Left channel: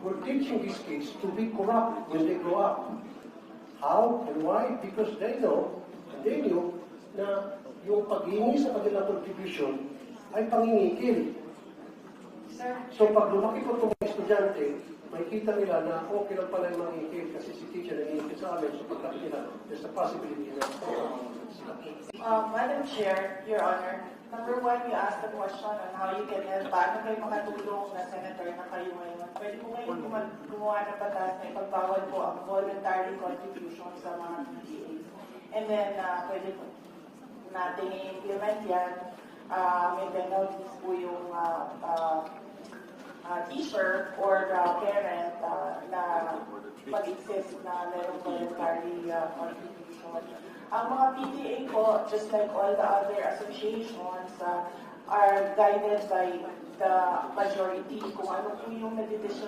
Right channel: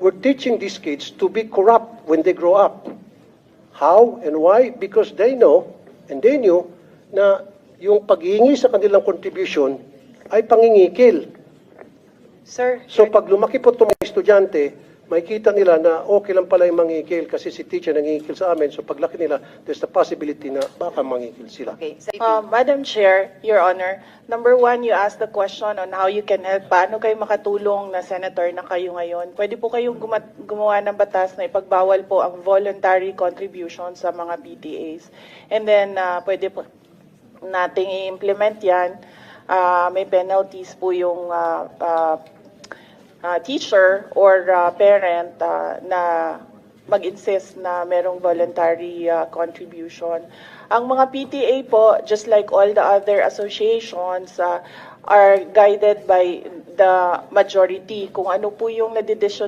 we're teaching these kids to be corrupt when they grow up. How and why? Because they know and they knew na yung paghihingi sa kanilang contribution ay pangingikil. Sir, So pag lumaki po itong mga estudyante, makikita nila na okay lang pala yung mangingikil kasi si teacher nangingikil sa amin. So paglaki nila, there's the possibility na baka mangingikil sila. okay. Madam Chair, Your Honor, number one, you asked the question on how you can help. Paano kayo makatulong na senator na kayo ngayon? Pwede po kayong gumawa ng batas na ipagbawal po ang voluntary contribution sa mga PTAs. And then, pwede po nating i-implement yan. May penalties po yung teacher or parent na mag-insist na merong voluntary contribution. Ang mga PTA po, just like all the other associations, are guided by the majority. Kung ano po yung nadidesisyon